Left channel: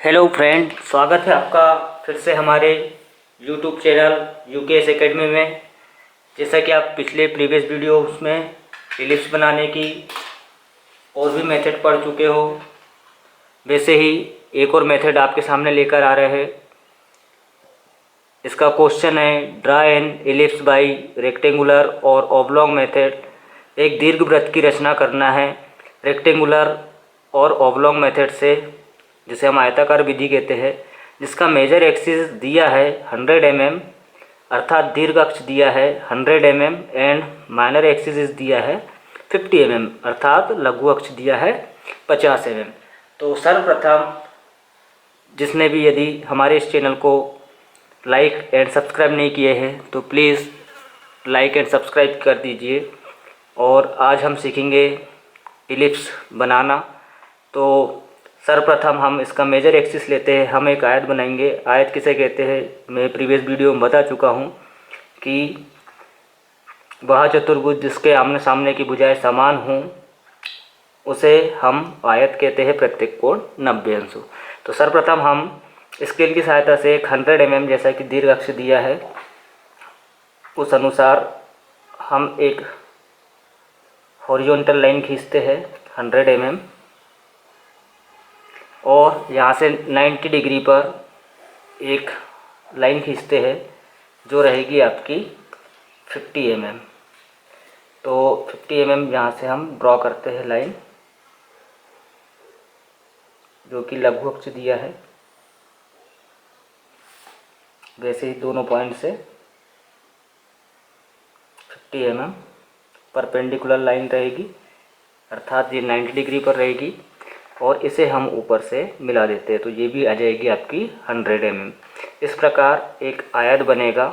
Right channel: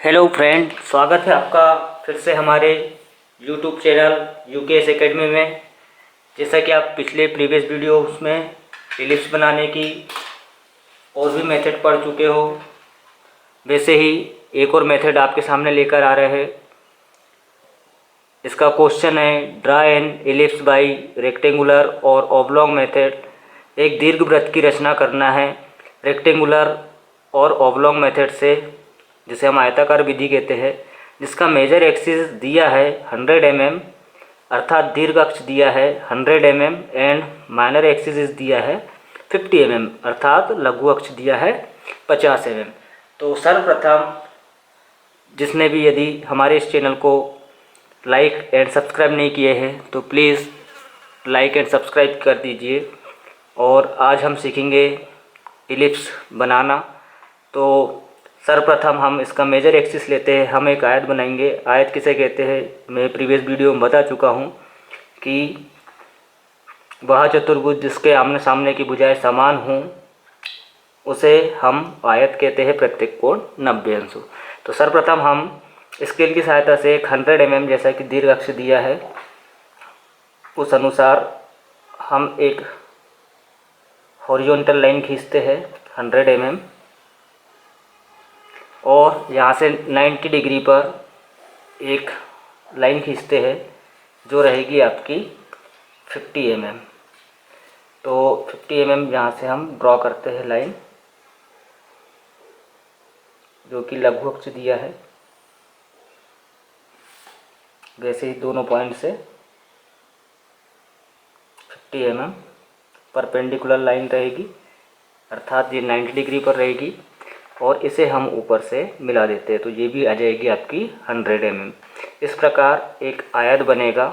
Hello friend, स्वागत है आपका फिर से हमारे यूट्यूब चैनल यूकेएस एकेडमी में। जैसा कि आप पिछले प्रीवियस वीडियोस में इलिप्स बनाने की और भी मेथड पढ़ चुके हो, वैसे ही एक और मेथड आपके सामने लेकर आ रहे हैं। इसका क्वेश्चन है draw N ellipse bye rectangular और ऑब्लॉन्ग मेथड। एक दीर्घवृत्त की रचना करना है रेक्टेंगुलर और ऑब्लॉन्ग मेथड से, जिसे हम आयताकार विधि कहते हैं, जिसका मेजर एक्सिस दिया है 100 mm अर्थात दीर्घ अक्ष दिया है 100 mm एंड माइनर एक्सिस दिया है 50 mm अर्थात लघु अक्ष दिया है 50 mm। तो सर्वप्रथम जिसने भी यदि हमारे इस चैनल को लाइक एंड सब्सक्राइब नहीं किए हैं तो प्लीज़ लाइक एंड सब्सक्राइब कर दीजिए। और आज हम सीखेंगे इलिप्स बनाना। तो सर्वप्रथम हम इसका मेजर एक्सिस लेते हैं। हम एक आयत बनाएंगे। आयत किसे कहते हैं मैं प्रीवियस वीडियो में बता चुका हूँ कि वह चतुर्भुज जिसके आमने सामने की भुजाएं समान हों उसे हम आयत कहते हैं, प्रत्येक कोण 90 अंश हो। तो सर्वप्रथम हम स्केल की सहायता से 100 mm जैसा कि दीर्घ अक्ष दिया है उस अनुसार हम एक हॉरिजॉन्टल लाइन खींचते हैं 100 mm और यहाँ से 90 डिग्री पर एक लाइन खींचते हैं जो रहेगी आपकी 50 mm। तो 50 mm यहाँ से हम ड्रॉ करते हैं लाइन जो कि लघु अक्ष दिया है। वैसे ही दोनों पॉइंट से 50 mm परपेंडिकुलर लाइन रहेगी अर्थात ये 90 डिग्री पर रहेगी और इसे हम ऊपर से मिला देते हैं तो ये भी आ जाएगी आपकी 100 mm। इस प्रकार एक आयत बनेगा।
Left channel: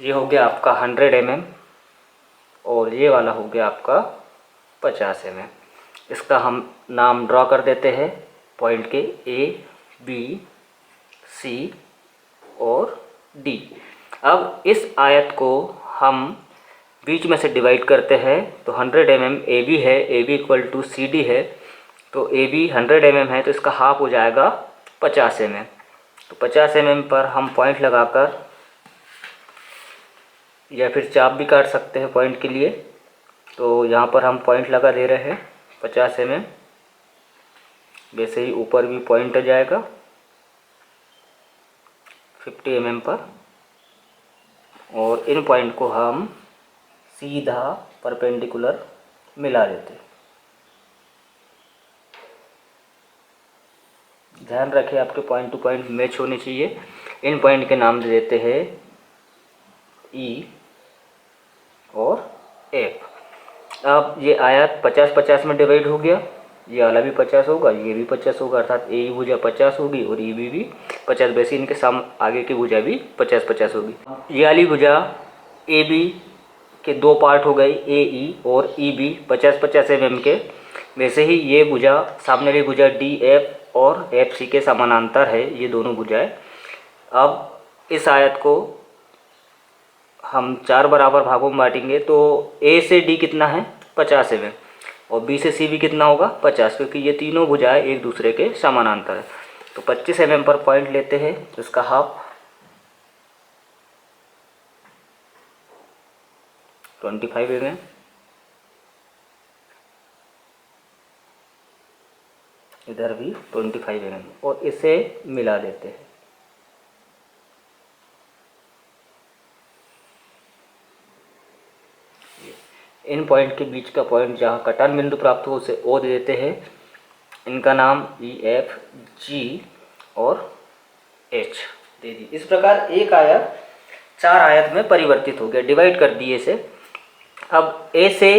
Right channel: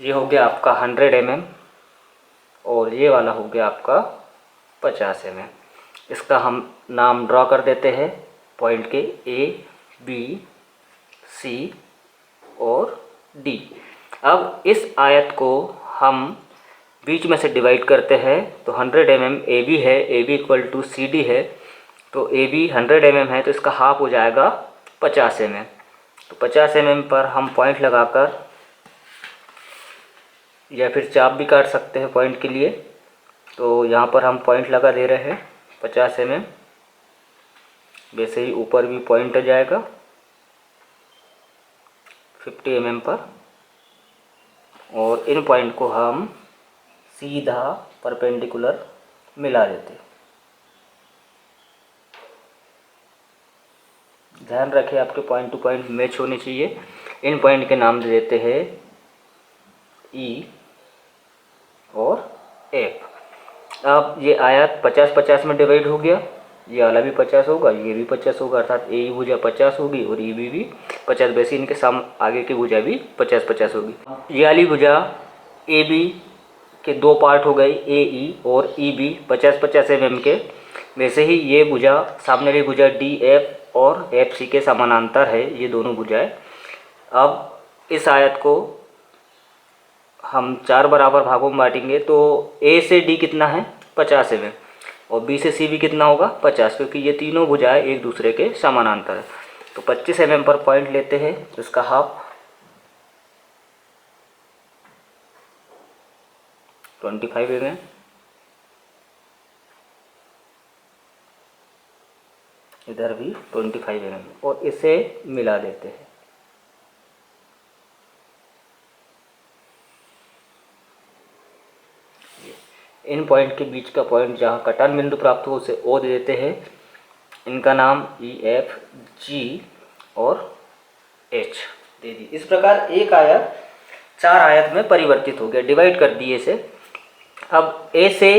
ये हो गया आपका 100 mm और ये वाला हो गया आपका 50 mm। इसका हम नाम ड्रॉ कर देते हैं पॉइंट के A, B, C और D। अब इस आयत को हम बीच में से डिवाइड करते हैं तो 100 mm AB है, AB इक्वल टू CD है। तो AB 100 mm है तो इसका हाफ हो जाएगा 50 mm। तो 50 mm पर हम पॉइंट लगाकर या फिर चाप भी काट सकते हैं पॉइंट के लिए। तो यहाँ पर हम पॉइंट लगा दे रहे हैं 50 mm। वैसे ही ऊपर भी पॉइंट आ जाएगा 50 mm पर और इन पॉइंट को हम सीधा परपेंडिकुलर मिला देते हैं। ध्यान रखें आपके पॉइंट टू पॉइंट मैच होने चाहिए। इन पॉइंट के नाम दे देते हैं E और F। अब ये आयत 50-50 में डिवाइड हो गया। ये वाला भी 50 होगा, ये भी 50 होगा अर्थात ए भुजा 50 होगी और ये भी 50। वैसे इनके आगे की भुजा भी 50-50 होगी। ये वाली भुजा ए बी के दो पार्ट हो गए, ए ई और ई बी 50-50 mm के। वैसे ही ये भुजा सामने वाली भुजा डी एफ और एफ सी के समानांतर है ये दोनों भुजाएं। अब इस आयत को हम 4 बराबर भागों में बांटेंगे तो ए से डी कितना है 50 mm और बी से सी भी कितना होगा 50, क्योंकि ये तीनों भुजाएं एक दूसरे के समानांतर है। तो 25 mm पर पॉइंट लेते हैं तो इसका हाफ 25 mm। इधर भी 25 mm और इसे मिला देते हैं। इन पॉइंट के बीच का पॉइंट जहाँ कटान बिंदु प्राप्त हो उसे ओ दे देते हैं। इनका नाम ई एफ जी और एच दे दी। इस प्रकार एक आयत 4 आयत में परिवर्तित हो गया, डिवाइड कर दिए इसे। अब ए से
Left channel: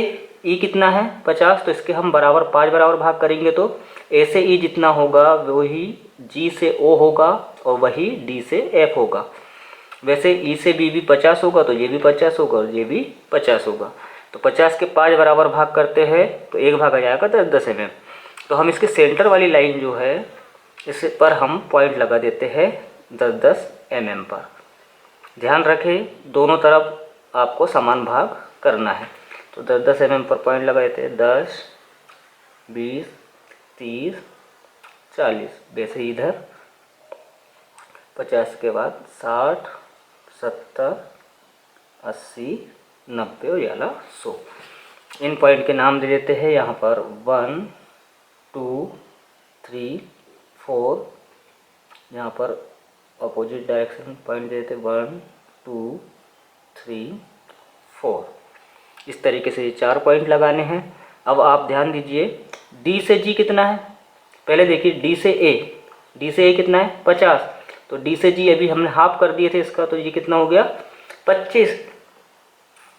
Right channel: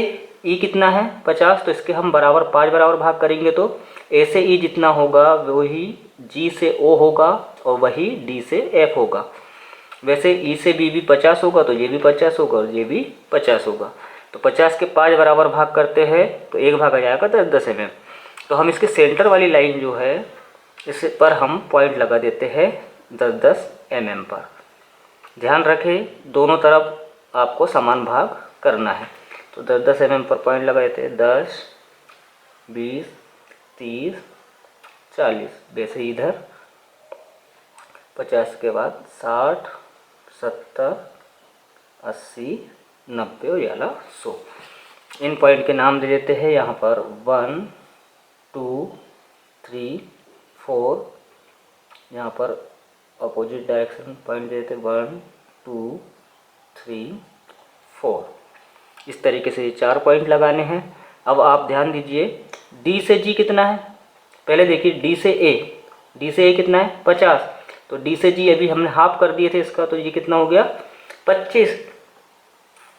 ई कितना है 50, तो इसके हम बराबर 5 बराबर भाग करेंगे तो ए से ई जितना होगा वही जी से ओ होगा और वही डी से एफ होगा। वैसे ई से बी भी 50 होगा तो ये भी 50 होगा और ये भी 50 होगा। तो 50 के 5 बराबर भाग करते हैं तो एक भाग आ जाएगा 10-10 mm। तो हम इसके सेंटर वाली लाइन जो है इस पर हम पॉइंट लगा देते हैं 10-10 mm पर। ध्यान रखें दोनों तरफ आपको समान भाग करना है। तो 10-10 mm पर पॉइंट लगा देते हैं 10, 20, 30, 40। वैसे इधर 50 के बाद 60, 70, 80, 90 और याला 100। इन पॉइंट के नाम दे देते हैं यहाँ पर 1, 2, 3, 4। यहाँ पर अपोजिट डायरेक्शन पॉइंट दे देते 1, 2, 3, 4। इस तरीके से ये 4 पॉइंट लगाने हैं। अब आप ध्यान दीजिए डी से जी कितना है। पहले देखिए डी से ए कितना है 50। तो डी से जी अभी हमने हाफ कर दिए थे इसका, तो ये कितना हो गया 25।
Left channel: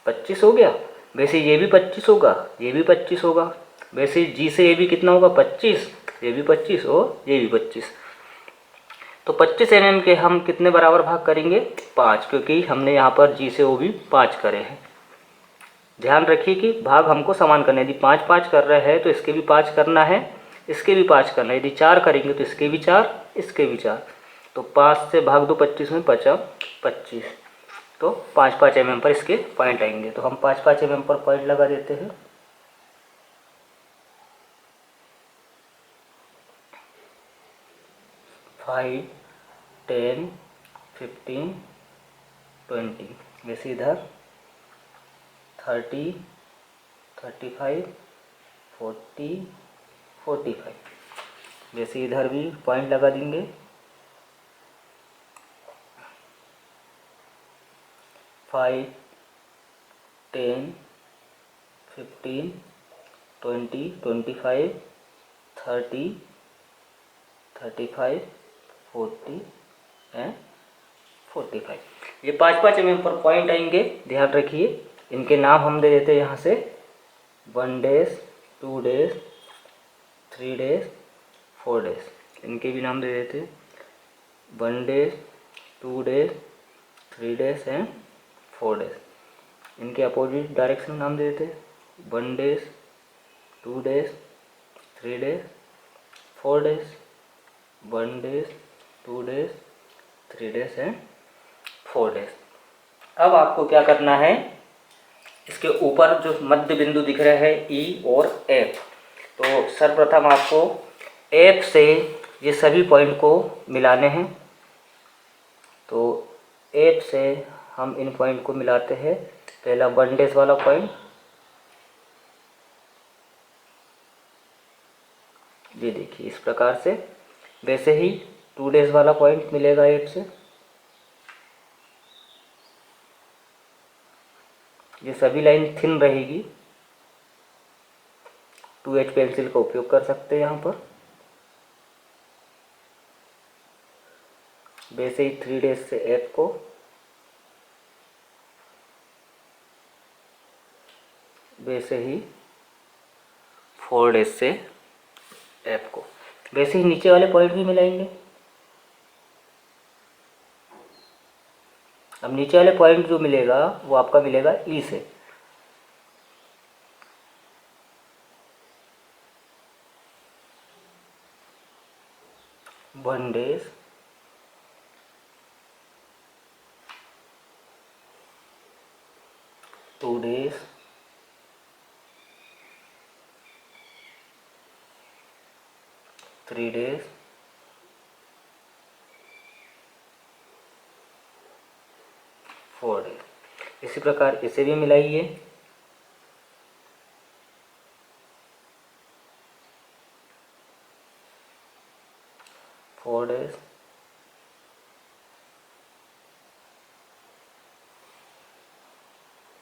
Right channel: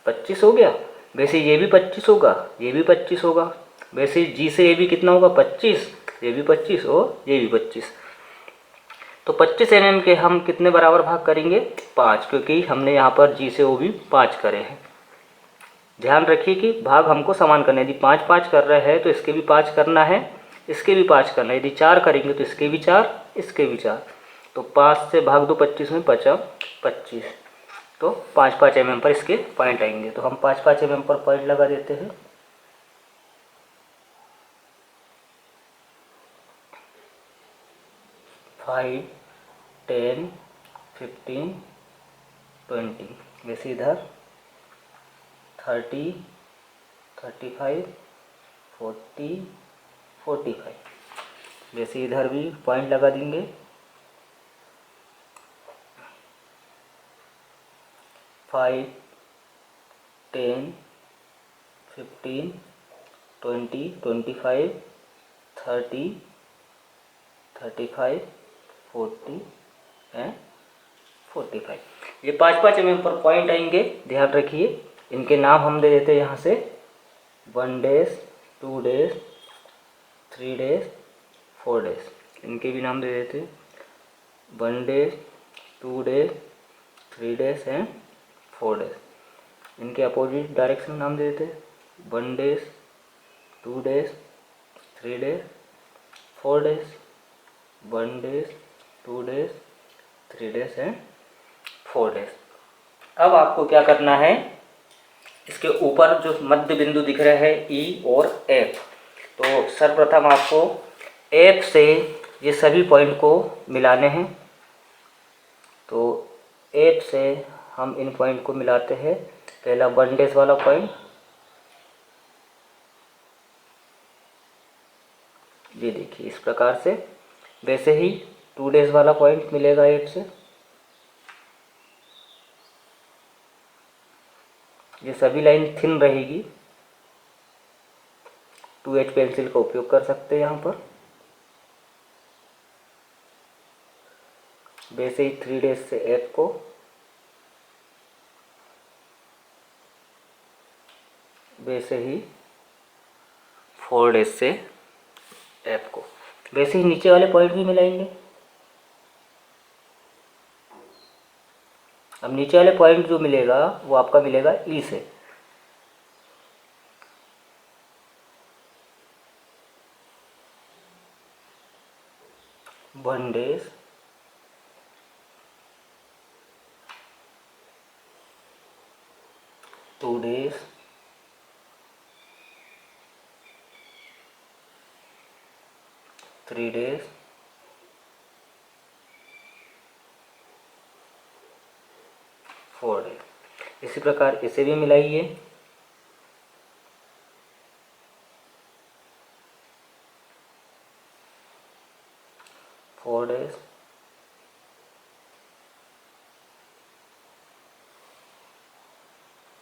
25 हो गया। वैसे ये भी 25 होगा, ये भी 25 होगा। वैसे जी से ए भी कितना होगा 25, ये भी 25 और ये भी 25। तो 25 mm के हम कितने बराबर भाग करेंगे 5, क्योंकि हमने यहाँ पर जी से ओ भी 5 करे हैं। ध्यान रखिए कि भाग हमको समान करना है। यदि 5 5 कर रहे हैं तो इसके भी 5 करना है, इसके भी 5 करना है। यदि 4 करेंगे तो इसके भी 4, इसके भी 4। तो 5 से भाग दो 25 में, 5 25। तो 5 5 mm पर इसके पॉइंट आएंगे। तो हम 5 5 mm पर पॉइंट लगा देते हैं। फाइव, 10, 15, 20। वैसे इधर 30, 35, 40, 45। वैसे इधर भी पॉइंट लगा देंगे। 5, 10, 15, 20, 25, 30, 35, 40 एंड 45। ये 5 5 mm पर पॉइंट आएंगे। ध्यान रखिए इनके नाम हम दे देते हैं यहाँ से 1 days, 2 days, 3 days, 4 days। इनके भी नाम दे देते हैं 1 days, 2 days, 3 days and 4 days। इनके अपोजिट डायरेक्शन नाम दे देते हैं 1 days, 2 days, 3 days, 4 days, 1 days, 2 days, 3 days and 4 days। अब आपको क्या करना है, इसके ऊपर जो मध्य बिंदु दिख रहा है ई और एफ, तो सर्वप्रथम आपको एफ से ये सभी पॉइंट को मिलाने हैं। तो एफ से हम इन पॉइंट को मिलाते हैं। पहला 1 days वाला पॉइंट, ये देखिए इस प्रकार से। वैसे ही 2 days वाला पॉइंट मिलेगा एफ से। ये सभी लाइन थिन रहेगी, 2H पेंसिल का उपयोग कर सकते हैं यहाँ पर। वैसे ही 3 days से एफ को, वैसे ही 4 days से एफ को। वैसे ही नीचे वाले पॉइंट भी मिलाएंगे। अब नीचे वाले पॉइंट जो मिलेगा वो आपका मिलेगा ई से। One days, 2 days, 3 days, 4 days। इसी प्रकार इसे भी मिलाइए। Four days,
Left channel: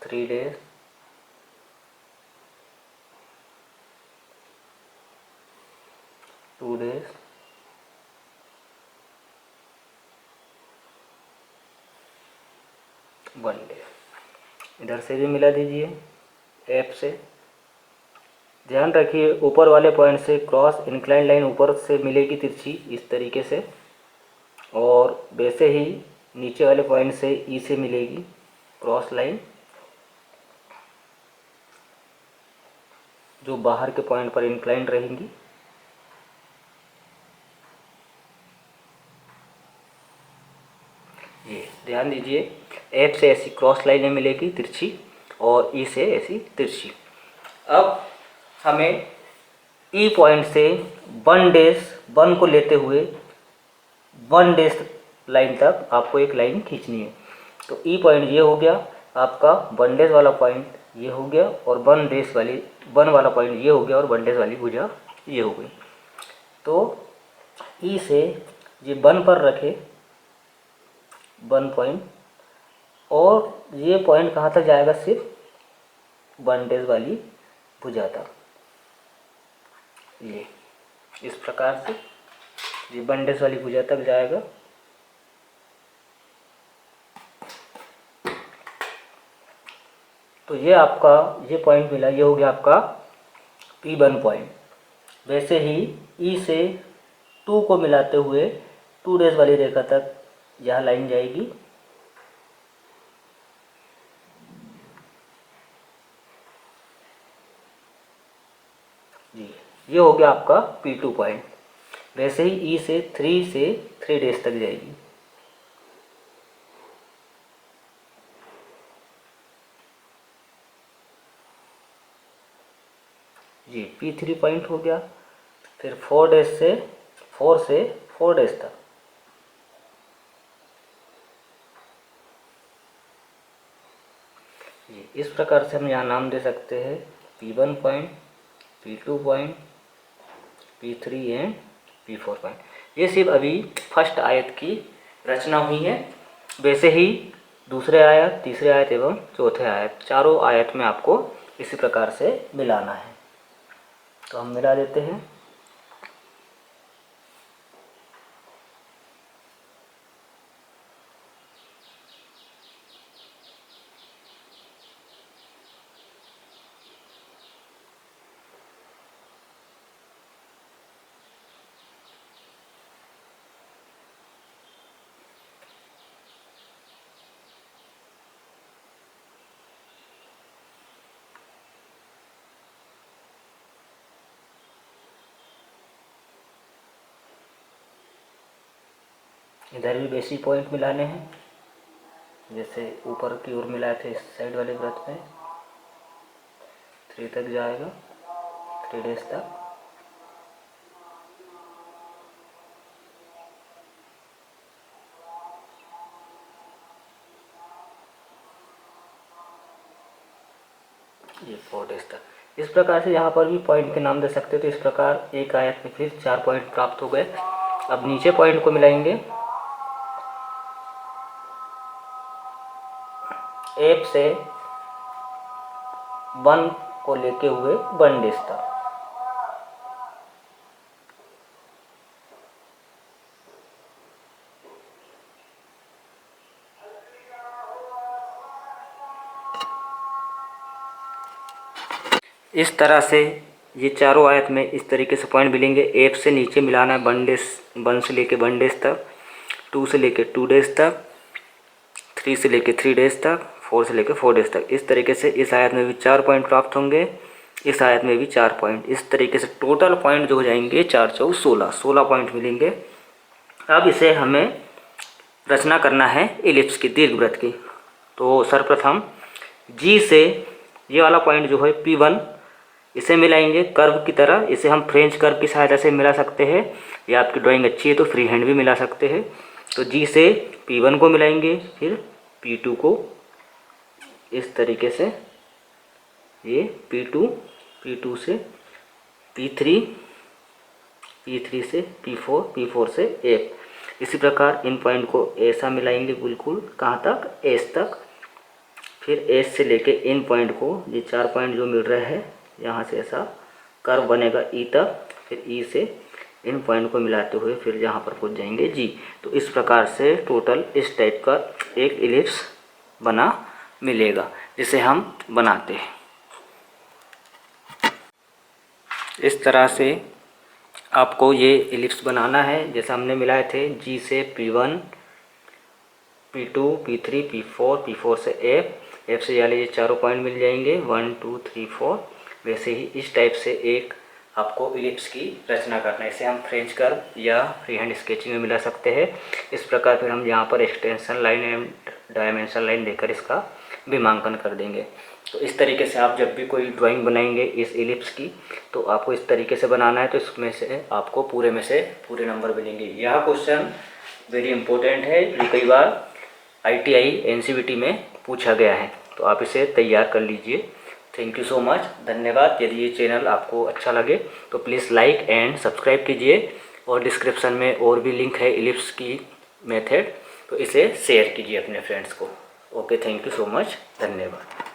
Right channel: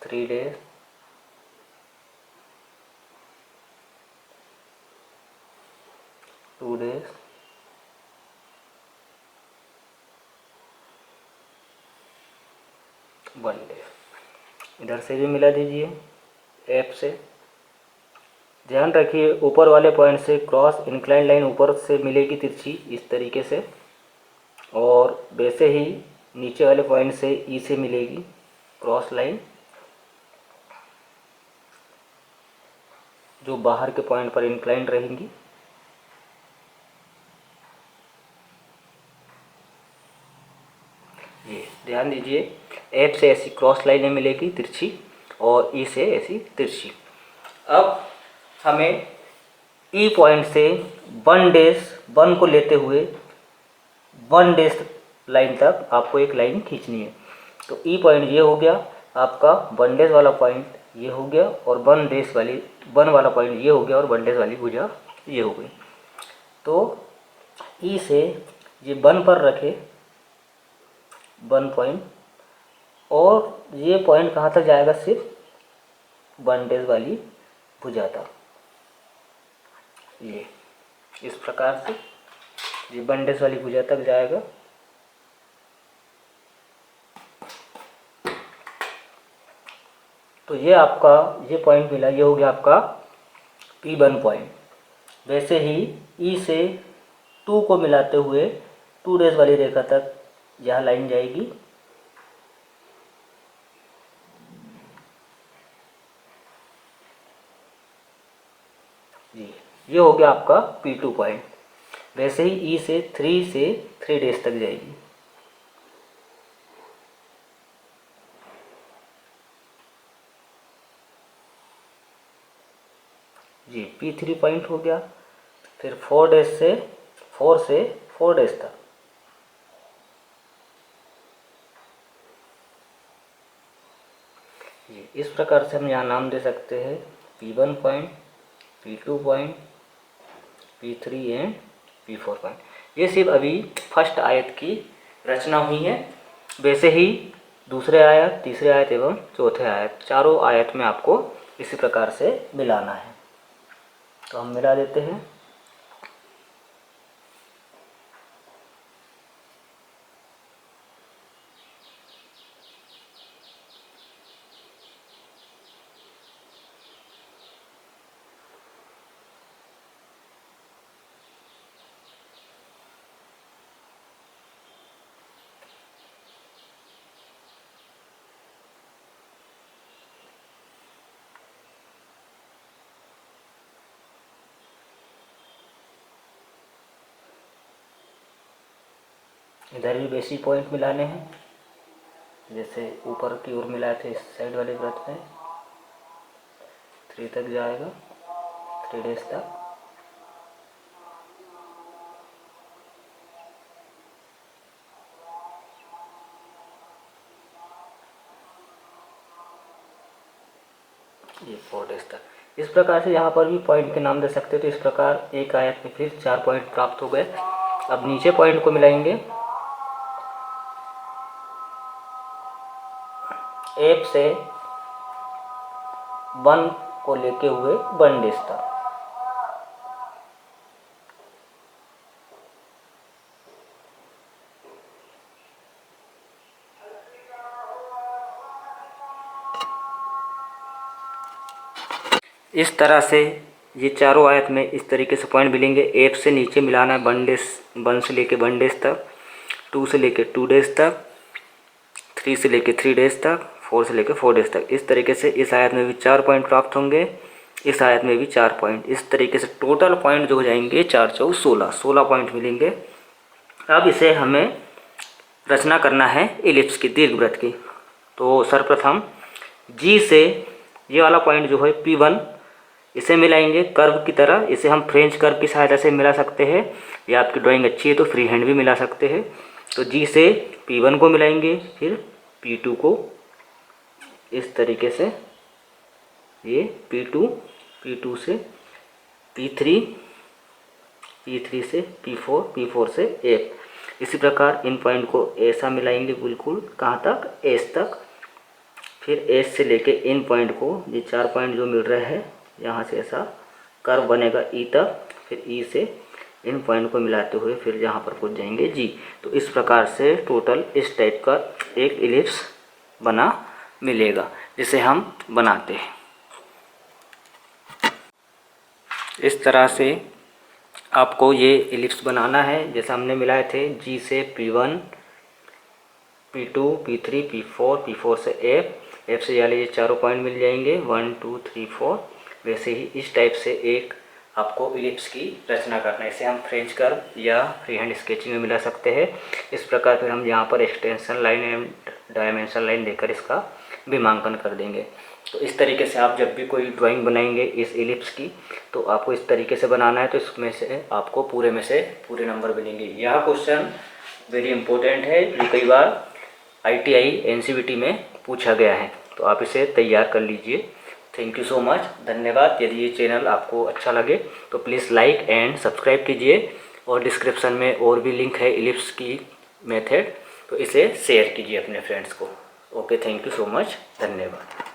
3 days, 2 days, 1 day। इधर से भी मिला दीजिए एफ से। ध्यान रखिए ऊपर वाले पॉइंट से क्रॉस इंक्लाइन लाइन ऊपर से मिलेगी तिरछी इस तरीके से, और वैसे ही नीचे वाले पॉइंट से ई से मिलेगी क्रॉस लाइन, जो बाहर के पॉइंट पर इंक्लाइन रहेंगी। ये ध्यान दीजिए एफ से ऐसी क्रॉस लाइनें मिलेगी तिरछी और ई से ऐसी तिरछी। अब हमें ई पॉइंट से 1 को लेते हुए 1 लाइन तक आपको एक लाइन खींचनी है। तो ई पॉइंट ये हो गया आपका, 1 वाला पॉइंट ये हो गया, और 1 वाला पॉइंट ये हो गया, और 1 वाली भुजा ये हो गई। तो ई से ये 1 पर रखे 1 पॉइंट, और ये पॉइंट कहाँ तक जाएगा, सिर्फ 1 वाली भुजा तक। ये इस प्रकार से ये 1 वाली भुजा तक जाएगा। तो ये आपका ये पॉइंट मिला, ये हो गया आपका P1 पॉइंट। वैसे ही ई से 2 को मिलाते हुए 2 वाली रेखा तक यह लाइन जाएगी। जी, ये हो गया आपका P2 पॉइंट। वैसे ही ई से 3 तक जाएगी। जी, P3 पॉइंट हो गया। फिर 4 से 4 तक। जी, इस प्रकार से हम यहाँ नाम दे सकते हैं P1 point, P2 point, P3 and P4 point. ये सिर्फ अभी फर्स्ट आयत की रचना हुई है। वैसे ही दूसरे आयत, तीसरे आयत एवं चौथे आयत, चारों आयत में आपको इसी प्रकार से मिलाना है। तो हम मिला देते हैं। इधर भी बेसिक पॉइंट मिलाने हैं, जैसे ऊपर की ओर मिलाए थे इस साइड वाले वृत्त में। 3 तक जाएगा, 3 तक। ये 4 तक। इस प्रकार से यहाँ पर भी पॉइंट के नाम दे सकते हो। तो इस प्रकार एक आयत में फिर 4 पॉइंट प्राप्त हो गए। अब नीचे पॉइंट को मिलाएंगे। एफ से 1 को लेके हुए 1 तक। इस तरह से ये चारों आयत में इस तरीके से पॉइंट मिलेंगे। एफ से नीचे मिलाना है 1 से लेके 1 तक, 2 से लेके 2 तक, 3 से लेके 3 तक, 4 से लेके 4 तक। इस तरीके से इस आयत में भी 4 पॉइंट प्राप्त होंगे, इस आयत में भी 4 पॉइंट। इस तरीके से टोटल पॉइंट जो हो जाएंगे 4 4 16 पॉइंट मिलेंगे। अब इसे हमें रचना करना है एलिप्स की, दीर्घवृत्त की। तो सर्वप्रथम जी से ये वाला पॉइंट जो है P1, इसे मिलाएंगे कर्व की तरह। इसे हम फ्रेंच कर्व की सहायता से मिला सकते हैं, या आपकी ड्राइंग अच्छी है तो फ्री हैंड भी मिला सकते हैं। तो जी से P1 को मिलाएंगे, फिर P2 को इस तरीके से, ये P2 से P3, P3 से P4, P4 से F। इसी प्रकार इन पॉइंट को ऐसा मिलाएंगे बिल्कुल, कहाँ तक, एस तक। फिर एस से लेके इन पॉइंट को, ये 4 पॉइंट जो मिल रहा है, यहाँ से ऐसा कर्व बनेगा ई तक। फिर ई से इन पॉइंट को मिलाते हुए फिर यहाँ पर पहुँच जाएंगे जी। तो इस प्रकार से टोटल इस टाइप का एक इलिप्स बना मिलेगा, जिसे हम बनाते हैं। इस तरह से आपको ये इलिप्स बनाना है, जैसे हमने मिलाए थे जी से P1, P2, P3, P4 से F से यानी ये चारों पॉइंट मिल जाएंगे 1 2 3 4। वैसे ही इस टाइप से एक आपको इलिप्स की रचना करना है। इसे हम फ्रेंच कर्व या फ्री हैंड स्केचिंग में मिला सकते हैं। इस प्रकार फिर हम यहाँ पर extension line and dimension line देकर इसका विमांकन कर देंगे। तो इस तरीके से आप जब भी कोई ड्राइंग बनाएंगे इस एलिप्स की, तो आपको इस तरीके से बनाना है, तो इसमें से आपको पूरे में से पूरे नंबर मिलेंगे। यह क्वेश्चन वेरी इंपॉर्टेंट है, ये कई बार ITI NCVT में पूछा गया है, तो आप इसे तैयार कर लीजिए। थैंक यू सो मच, धन्यवाद। यदि ये चैनल आपको अच्छा लगे तो प्लीज़ लाइक एंड सब्सक्राइब कीजिए, और डिस्क्रिप्शन में और भी लिंक है एलिप्स की मेथड, तो इसे शेयर कीजिए अपने फ्रेंड्स को। Okay, thank you so much, धन्यवाद।